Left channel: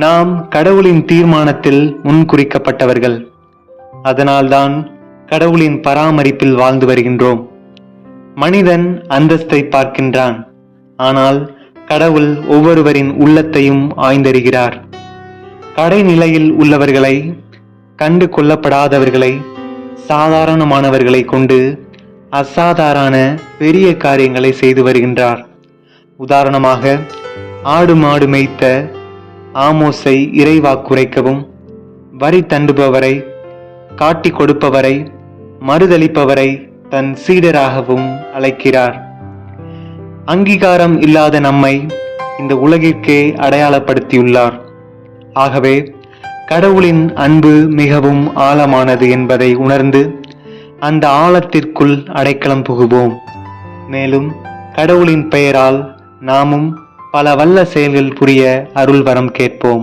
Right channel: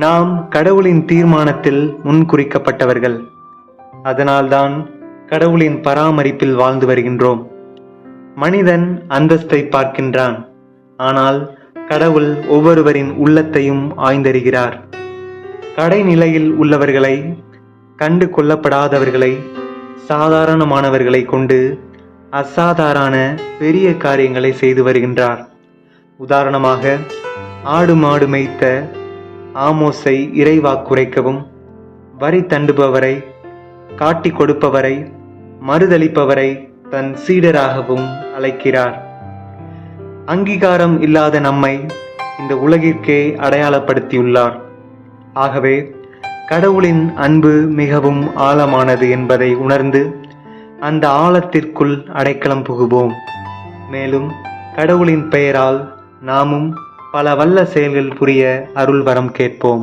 நாம் கடவுளின் தீர்மானத்தில் முன்குறிக்கப்பட்டவர்கள். அதனால்தான் கடவுளின் பராமரிப்பில் வாழ்ந்து வருகின்றோம். மனிதன் அந்தஸ்தை பார்க்கின்றான், ஆனால் கடவுள் ஒவ்வொருவரின் உள்ளத்தையும் ஆய்ந்தறிகிறார். கடைநிலையில் உள்ளவர்களை, கண்டு கொள்ளப்படாதவர்களை, சாதாரணமானவர்களை கொண்டு அசாதாரண பெரிய காரியங்களை செய்து வருகின்றார். உதாரணமாக, ஆடு மாடு மேய்த்த ஆமோஸை இறைவாக்குரைக்கவும், வரி தண்டுபவரை, காட்டி கொடுப்பவரை, மறுதளிப்பவரை தன் சீடராகவும் அழைக்கிறார். அங்கீகாரம் இல்லாத நம்மை இந்த உலகிற்கே அடையாளப்படுத்தியுள்ளார். ஆகவே கடவுளின் அன்பு மிகவும் ஆழமானது என்பதை உணர்ந்து அந்த ஆழத்திற்குள் அடைக்கலம் புகுவோம். மேலும் கடவுளின் பெயரால் நாமும் பல வல்ல செயல்கள் புரிய அருள் வரம் கேட்போம்.